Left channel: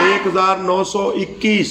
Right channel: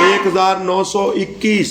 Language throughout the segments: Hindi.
1921.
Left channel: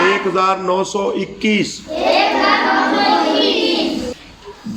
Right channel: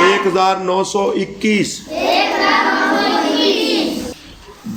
1921.